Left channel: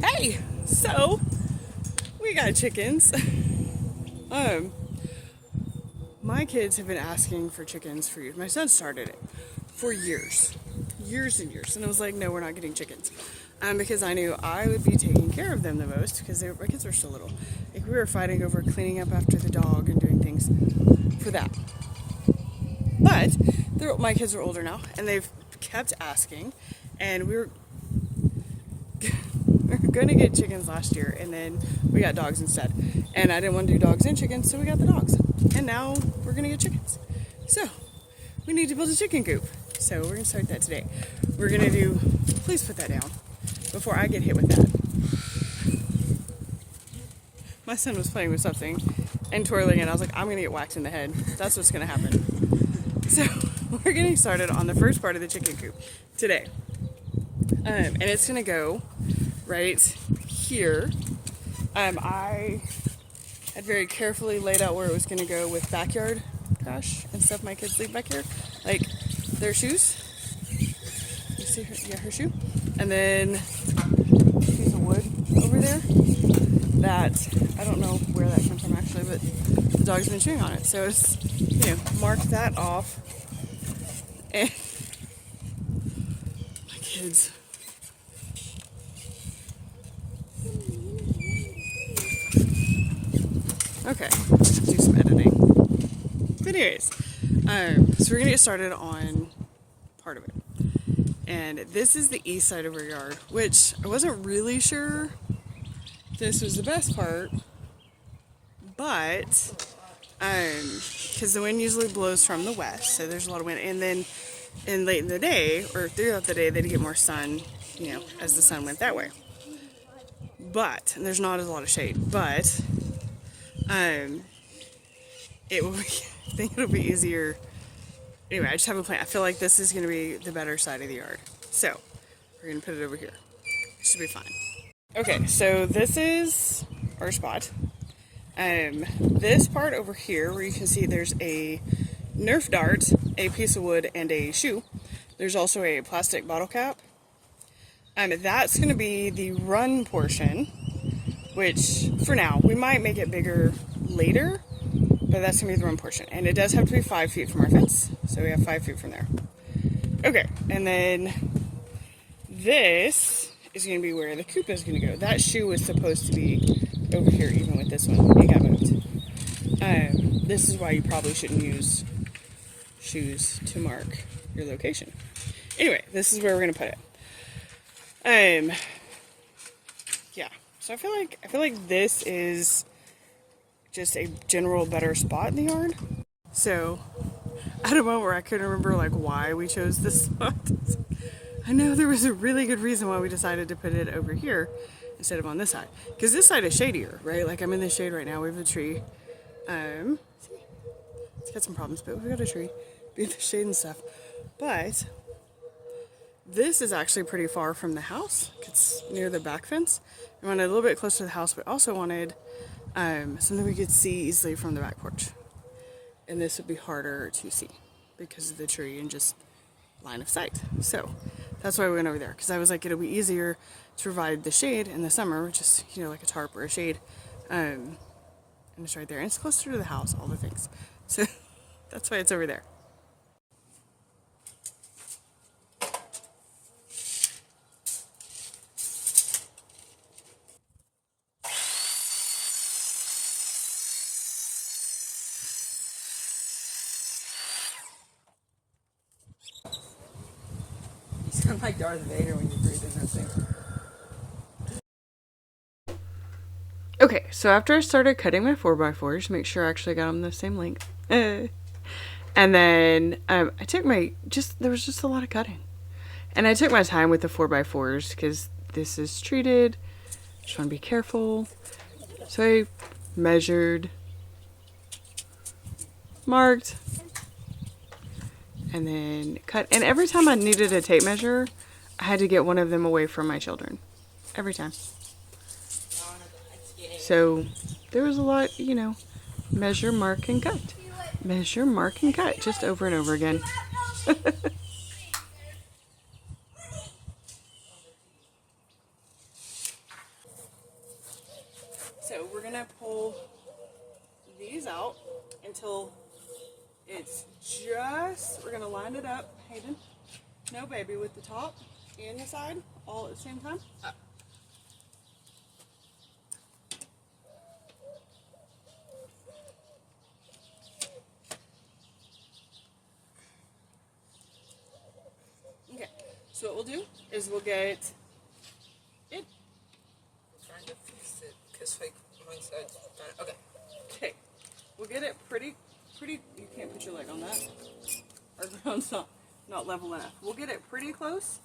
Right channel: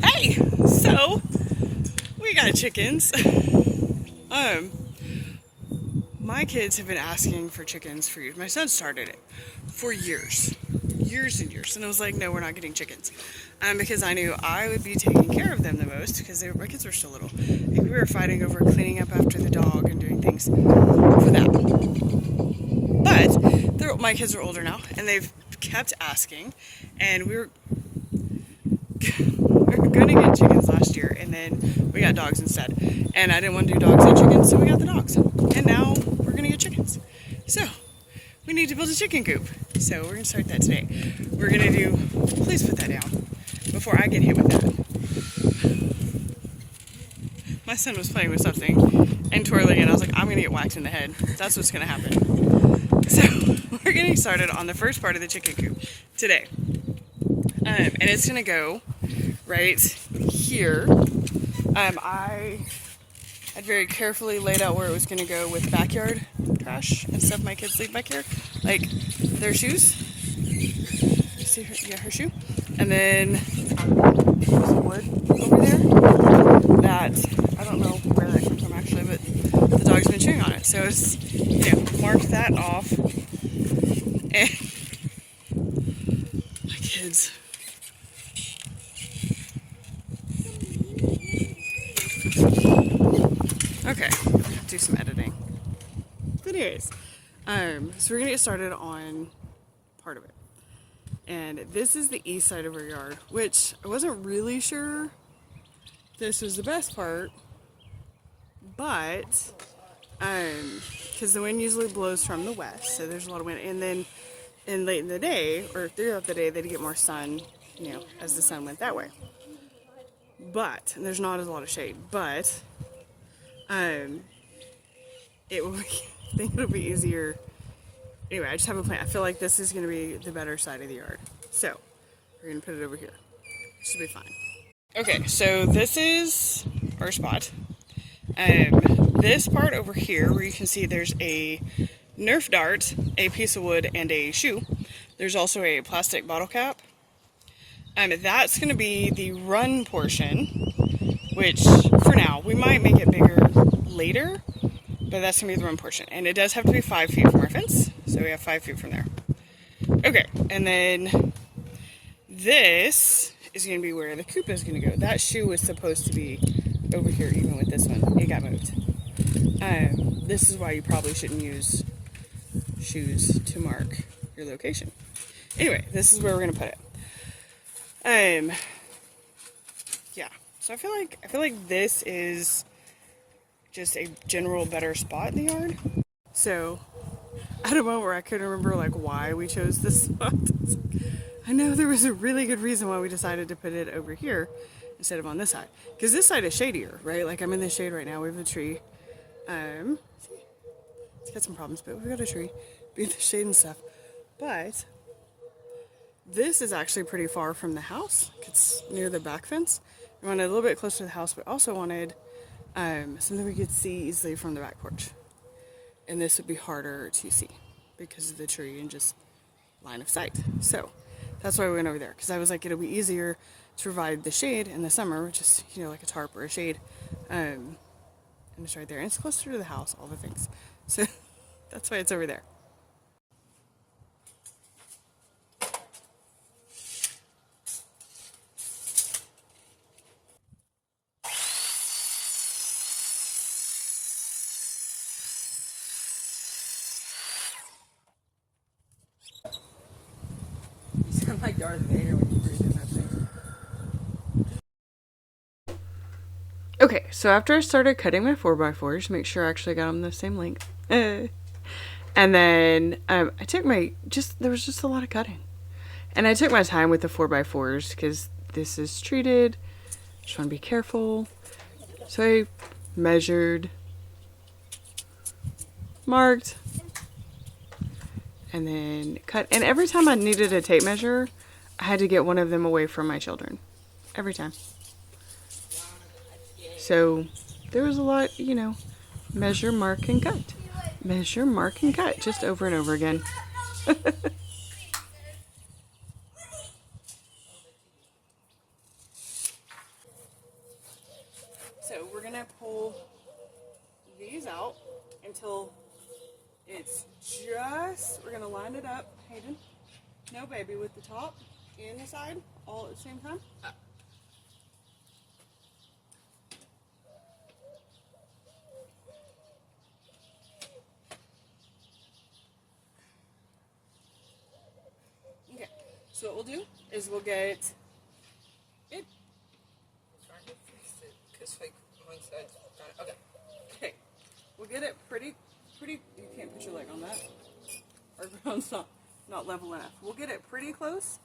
Hey, so we got chickens. My kids have been asking for chickens for years. My son started it for years, years and years, and I was like, no, we're not getting chickens, because I knew I would be taking care of them the most because my kids were still little. Like, we were fighting over cleaning up after the dog and doing things for that. But my kids are older now, and they've kept asking, and we were going to get chickens last year, and then we got dogs instead. And I didn't want to do dogs and chickens, so we got the dogs. And now we're going to get chickens. So we need to build a chicken coop. So we're going to start that today. We're going to do, please put that down before I get hit with that. My son was playing with something and twirling it. I was like, I'm going to get whacked in the head. That's what's going to happen. So we're getting started on the first part of the chicken coop today. And it's going to go right here. I had very carefully laid out where it was going to go with backyard trash and stuff my kids leave back here, like their shoes. You see her, yeah, her shoe. And then there's some wood over there that I don't know where that came from actually, but the dog's been chewing on it. So it's, mark that off. And my kids. Okay, do some editing. But anyways, so we're gonna get started on part of it. And this is the east side of our yard, which I wasn't really sure this was the best part, but because the wind usually blows from the west, so there's a lot of wind, and then late in the day or throughout the day they'd get more sun, as the sun went that way. But and there's not a lot of shade, but it will be, I think it'll be easier. Anyway, I just have a plan. I feel like this is going to be the better side of the yard. So, we're going to put it over here. It should be fine. Okay, so this is our spot. This part over here, where you can see there's a Nerf dart, a piece of wood, and a shoe. There's also a plastic bottle cap. That's going to be the run portion, which for now, we might make it bigger later, but that's going to be the run portion. And it does have to be 5 feet from our fence, so we have 5 feet from there. Okay, and then this is going to be where the coop is going to go. That shoe was supposed to be over here, even with this one. It got moved. This is why you probably shouldn't use shoes to mark your location. Anyway, this is where we're going to put it. Yeah, so I feel like this is just a general better spot in the yard. So at a moment where I couldn't remember why we chose this spot, I know there was a really good reason why we decided to put it over here instead of on this side, because this side is shadier, right? Like, I'm in the shade right now. We have a tree. It's got some problems, but we've got a tree, be in the shade and stuff. But this is actually pretty far from the house. It's near the back fence. We wanted a little bit closer to the house, but also wanted something we could see easily from the back porch. And this would be harder to see because of the tree and just line of sight. So that's why we went over there, because I was like, it'll be easier to provide the shade in the summer, which is, like a tarp or a shade. And it's right there. And it's closer to the house, all the things. So that's why it's over there. You sound like Darth Vader when you breathe in that thing. Okay, so after I started cutting my 4x4s, make sure I actually got them the same length. And then I took there was just a lot of cutting. And I took my time with the 4x4s because this is treated. Just want to be careful. So I measured, marked, and then cut. And every time I needed a tape measure, I had to get one of them away from my children. Every time. So there was a lot, measure, mark, and cut. Measure, mark, and cut, just over and over again. gonna pull these out until it's just, we're gonna line it up, Hayden. No, baby, with the top and the side all at the same time. Okay, so what we'll do is we'll get it. Trying to fix it because like one side's done. Okay. Okay, we'll get it pretty. You can't put your leg on that. Our ground's not level enough. We'll get it pretty close,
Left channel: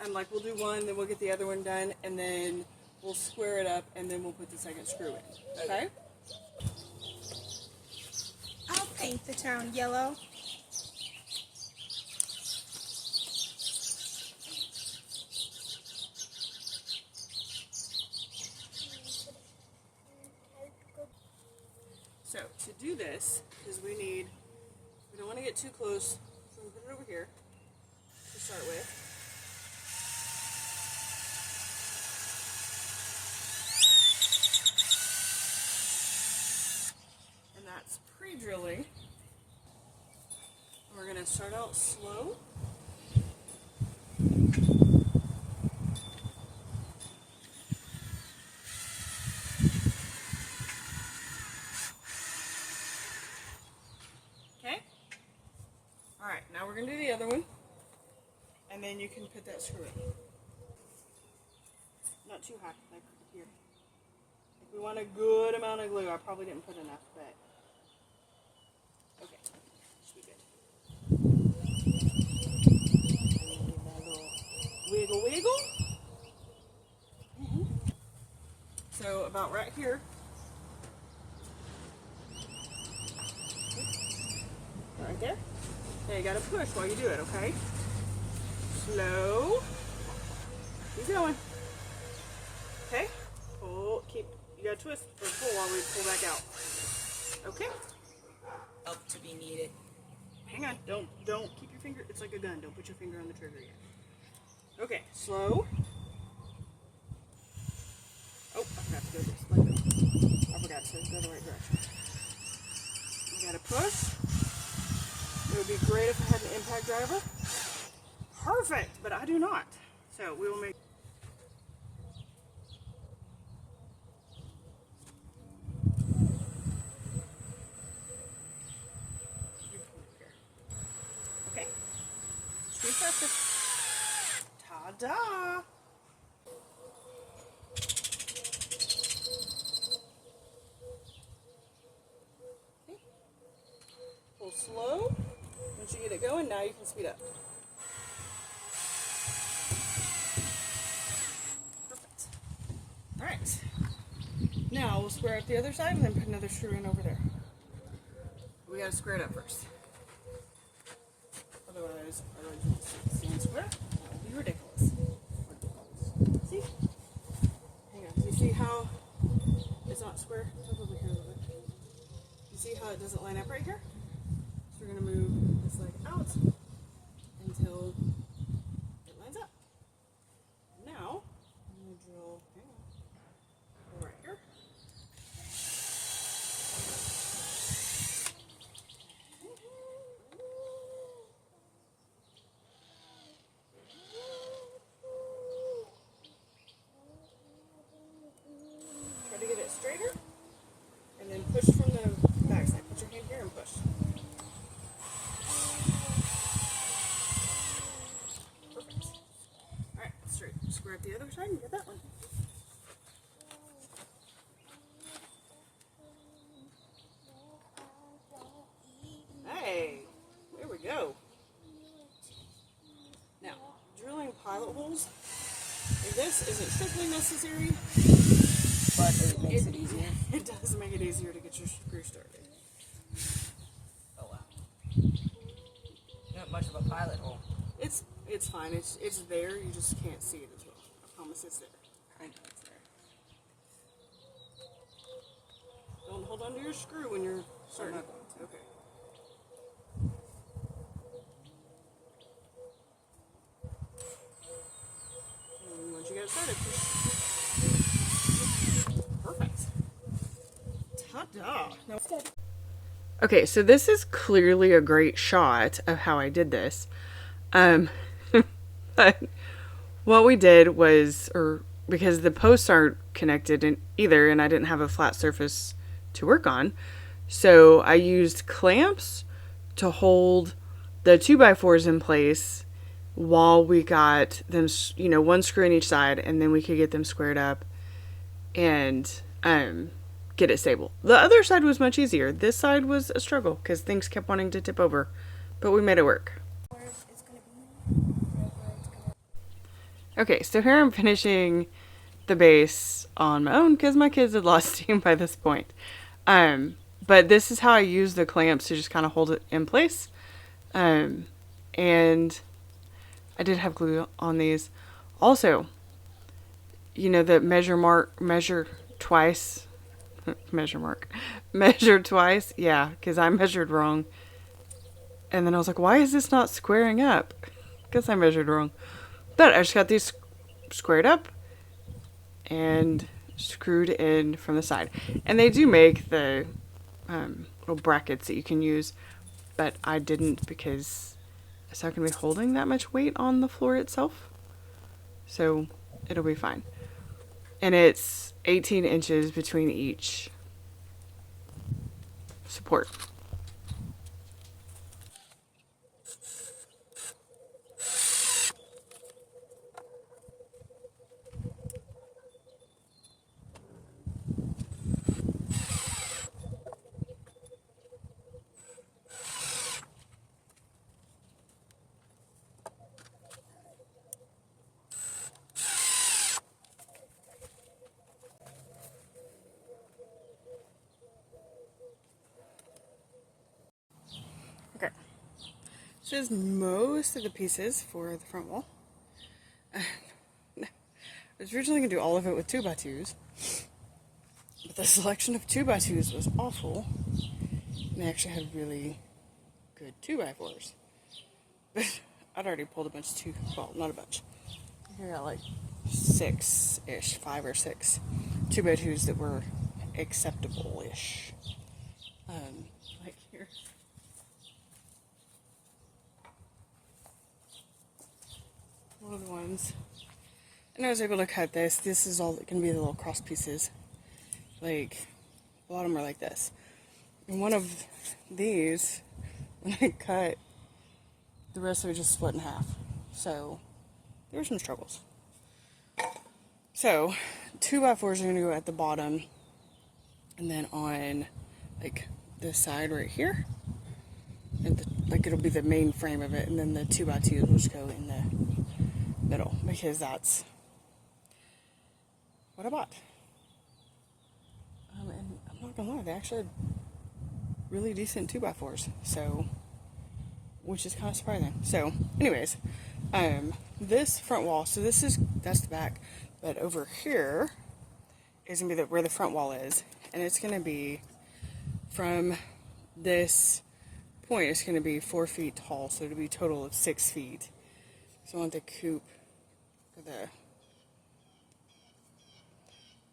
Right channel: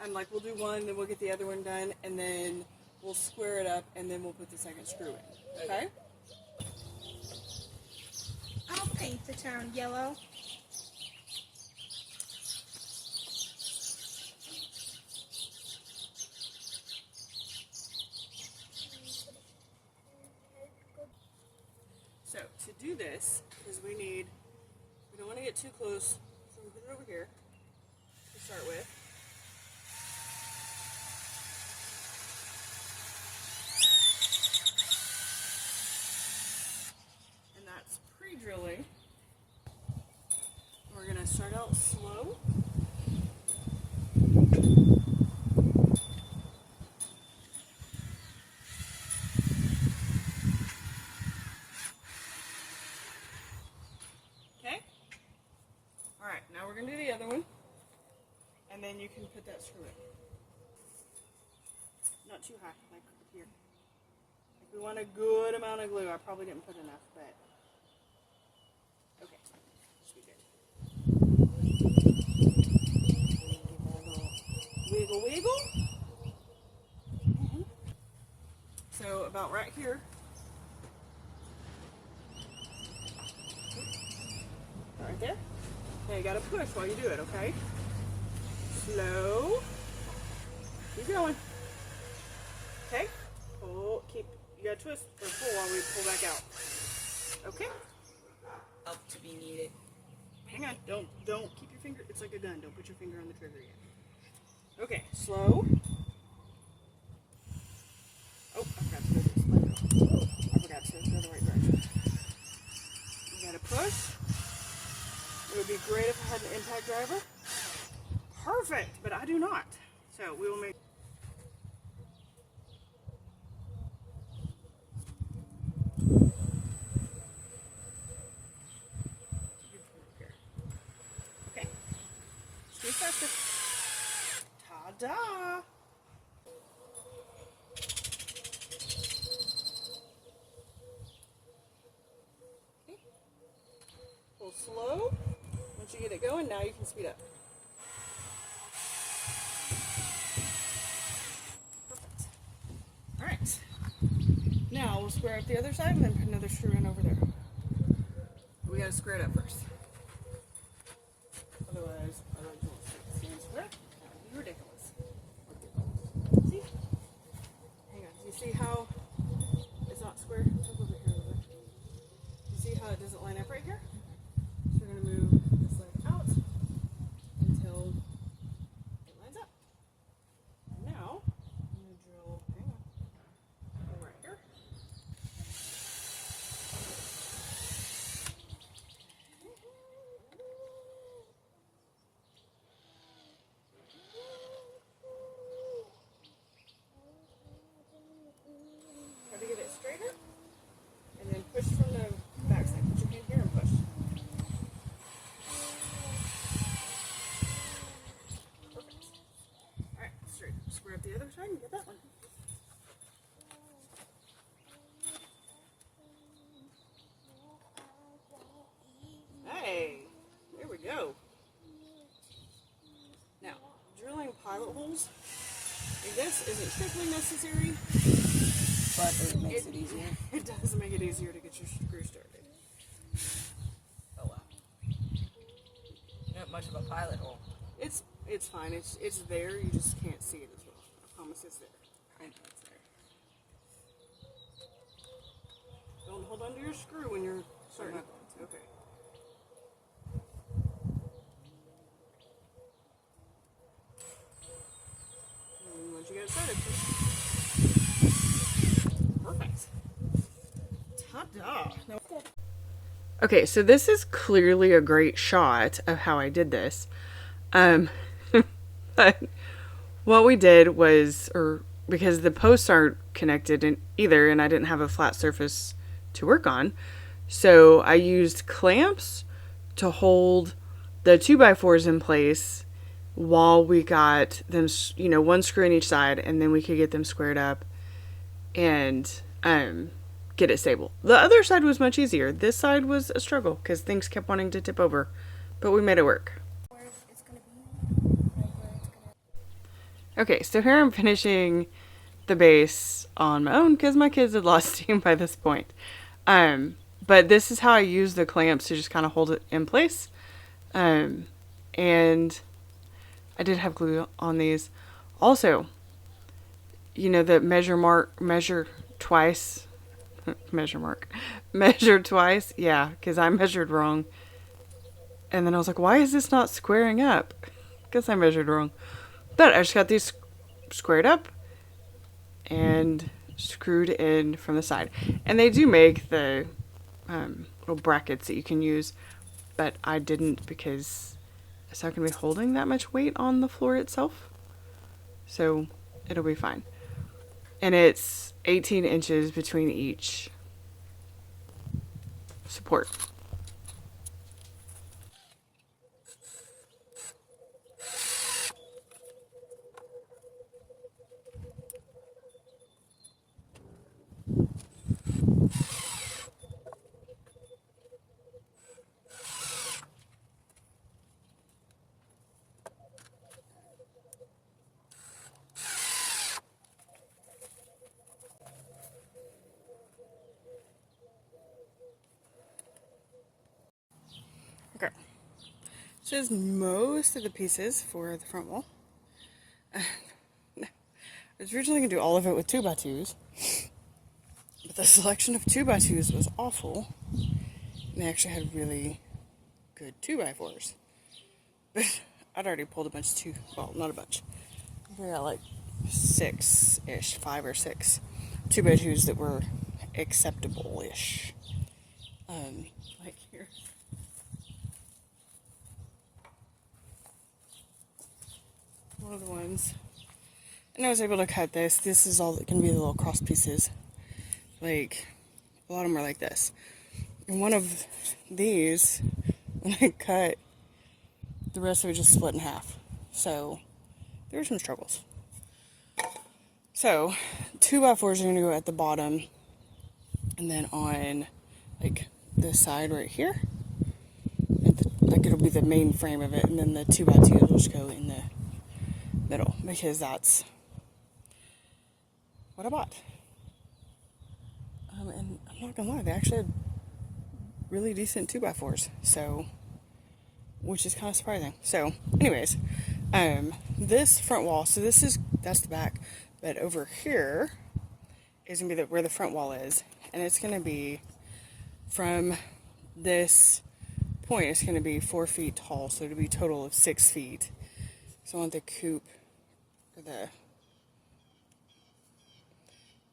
and like we'll do one, then we'll get the other one done, and then we'll square it up, and then we'll put the second screw in. Okay? I'll paint the town yellow. So to do this, because we don't want to get too close, so we put it over here to start with. And that's pre-drilling. We're going to start out slow. Okay? Alright, now we're going to do the other one. And then you can put that screw in. Not too high, like here. Like we want a good amount of glue. I probably didn't put enough, but okay. Should be good. And give that a little wiggle wiggle. So about right here. Right there. Okay, you gotta push while you do it, okay? Slow. Keep going. Okay? Pull, you gotta twist or pull while we pull back out. Okay? Help to be needed. Hang on, don't keep your finger, it's like a gun, don't put your finger on the trigger yet. Okay, slow. Oh, I forgot to go this way. I forgot to go the right direction. You gotta push. It would be great if I had an impact driver. Perfect, but I do not. So we will make. Okay. Squeeze faster. Ta-da! Okay. Pull slow. Once you get it going, now you can speed up. Perfect. All right. Now we'll square up the other side and then put another screw in over there. We gotta square it up first. Otherwise you won't see it. Stand square. That'd be ridiculous. See? Hang on. Do you see how it's not square? Look over here a little bit. You see how it doesn't line up right here? So we're gonna move this leg out until it lines up. Now, I'm going to drill, hang on, go right here. Try to get it straighter, and then push from the back side. Put your hand here and push. Perfect. Alright, straight. Square up the other side and get that one. Hey, there we go. Now, drilling pilot holes. This isn't strictly necessary, But it makes it easier. It does make it easier to get your screw started. Oh wow. Not much of a pilot hole. It's fine. It's there. You just can't see it as well. I promise it's there. I know it's there. Don't hold on to your screw when you're starting. I'm not going to. Okay. And once you get it started, perfect. Duh. No. Okay, so this is clearly a great shot of how I did this. But what we did was, or because the posts aren't connected in either, and I didn't have a flat surface to work on, so I used clamps to hold the 2x4s in place while we got them, you know, one screw in each side, and then we could get them squared up and get it stable. The other side was much easier. This side was a struggle because things kept wanting to tip over, but we made it work. Okay, so here I'm finishing the base on my own because my kids had lost steam by this point. But this is how I use the clamps to just kind of hold it in place. And I did have glue on these. Also, you know, the measure twice. Measure twice. Yeah, because I measured wrong. And then I was like, why is this not squaring up? Because I measured wrong. But I just got these squared up and screwed in from the side. And they do make the little brackets that you can use, but I didn't because it's not going to be holding that much weight on the floor itself. So it'll be fine. And it's 18 inches between each support. Okay. So here's most of the pieces for the front wall. I was originally going to do all of it with 2x2s, but the selection of 2x2s was awful. And they actually had really good 2x4s. I'd already pulled a bunch of well, not a bunch. We got like 6-ish, 5 or 6 2x2s that were acceptable-ish. Right here. One of the ones. And I was able to cut this. This is all that can be the little cross pieces. Like, a lot of them are like this. And one of these, when I cut, the rest of it just split in half. So, there were some struggles. So, 2x4s are going to go at the bottom. And then on, like, this side right here. Like, it'll be the main frame of it. And then the 2x2s will just go in the middle. Because that's what I bought. And I'm not gonna lie, they actually had really decent 2x4s, so, which is kind of surprising. So, anyways, this front wall, so that's the back, but over here is gonna be where the front wall is, and it's gonna be from this point, it's gonna be 4 feet tall, so it'll be a total of 6 feet. So I want the coop,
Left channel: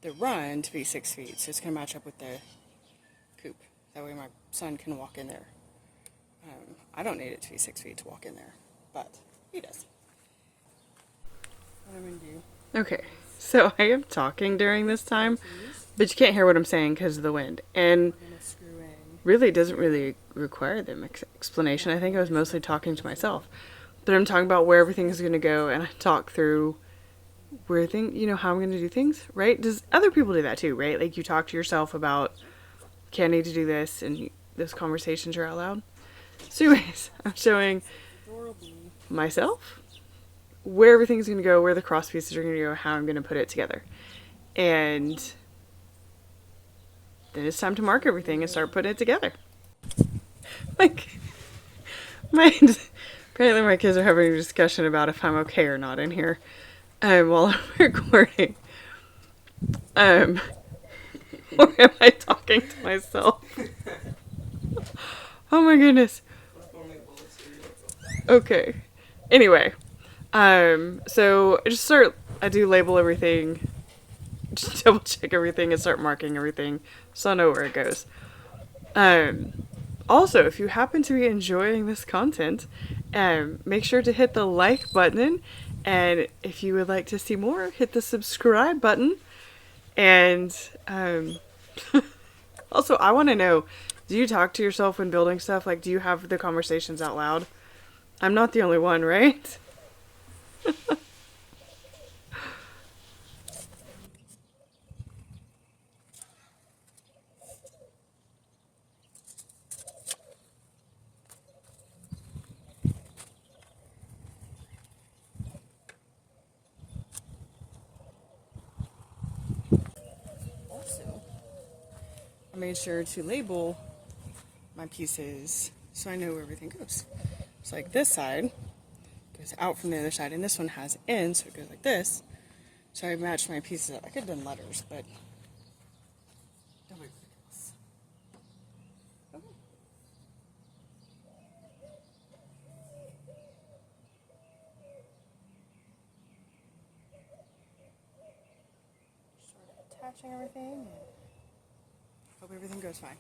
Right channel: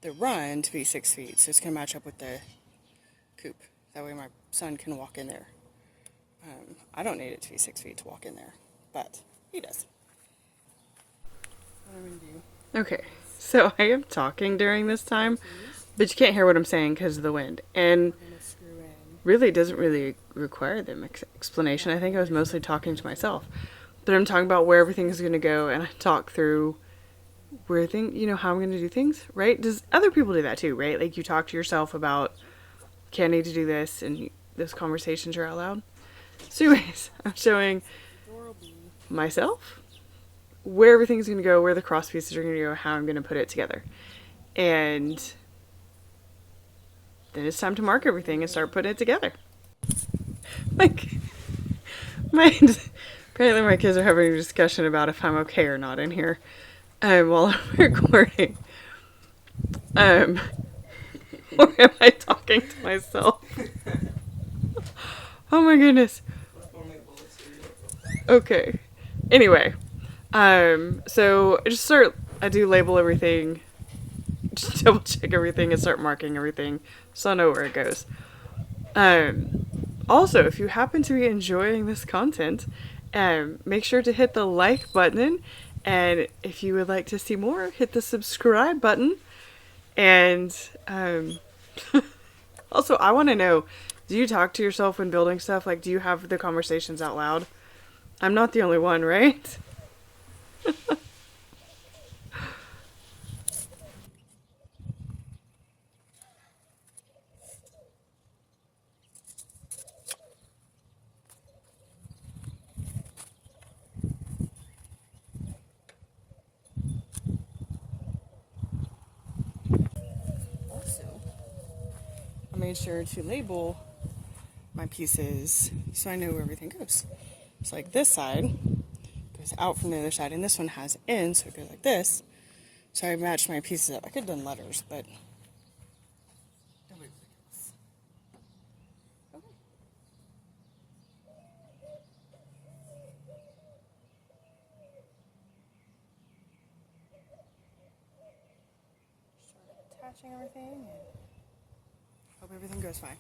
the run to be 6 feet, so it's going to match up with the coop. That way my son can walk in there. I don't need it to be 6 feet to walk in there, but he does. What I'm going to do. Okay, so I am talking during this time, but you can't hear what I'm saying because of the wind. And really, it doesn't really require the explanation. I think I was mostly talking to myself. But I'm talking about where everything is going to go, and I talk through where how I'm going to do things, right? Does other people do that too, right? Like you talk to yourself about, okay, I need to do this, and those conversations are out loud. So anyways, I'm showing myself where everything's going to go, where the cross pieces are going to go, how I'm going to put it together. And then it's time to mark everything and start putting it together. Like, apparently my kids are having a discussion about if I'm okay or not in here. While I'm recording. Or am I talking to myself? Oh my goodness. Okay. Anyway. So I do label everything double check everything and start marking everything so I know where it goes. Also, if you happen to be enjoying this content, make sure to hit the like button, and if you would like to see more, hit the subscribe button. And also, I want to know, do you talk to yourself when building stuff? Like, do you have the conversations out loud? I'm not the only one, right? Also, I made sure to label my pieces so I know where everything goes. So like this side goes out from the other side, and this one has in, so it goes like this. So I matched my pieces up. I could have done letters, but that would be ridiculous. Okay. Start attaching everything and hope everything goes fine.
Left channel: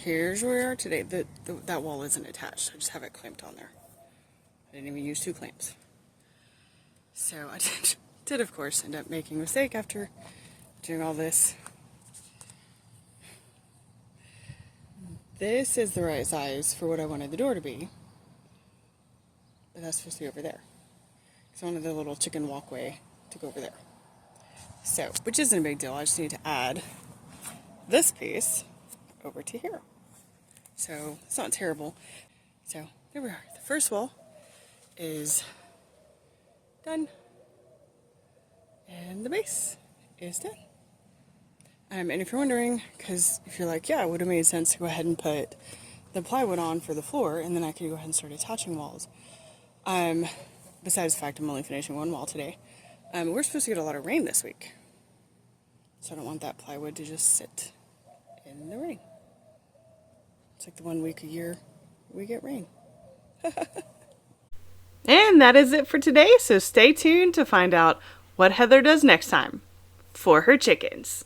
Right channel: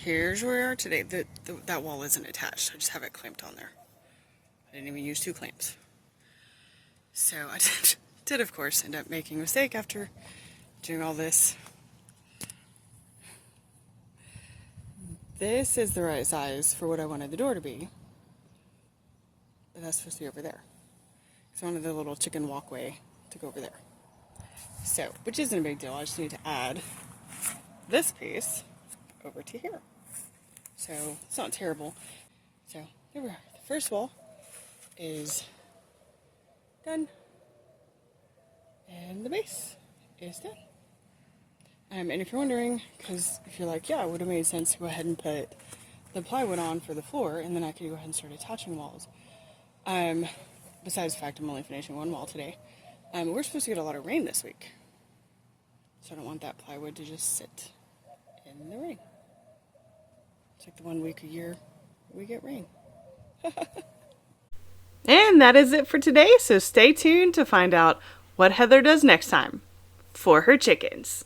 Here's where we are today. That wall isn't attached. I just have it clamped on there. I didn't even use 2 clamps. So I did of course end up making a mistake after doing all this. This is the right size for what I wanted the door to be. But that's supposed to be over there. So I wanted the little chicken walkway to go over there. So, which isn't a big deal. I just need to add this piece over to here. So it's not terrible. So there we are. The first wall is done. And the base is done. And if you're wondering, because if you're like, yeah, it would have made sense to go ahead and put the plywood on for the floor, and then I could go ahead and start attaching walls. Besides the fact I'm only finishing one wall today, we're supposed to get a lot of rain this week. So I don't want that plywood to just sit in the rain. It's like the 1 week a year we get rain. And that is it for today, so stay tuned to find out what Heather does next time for her chickens.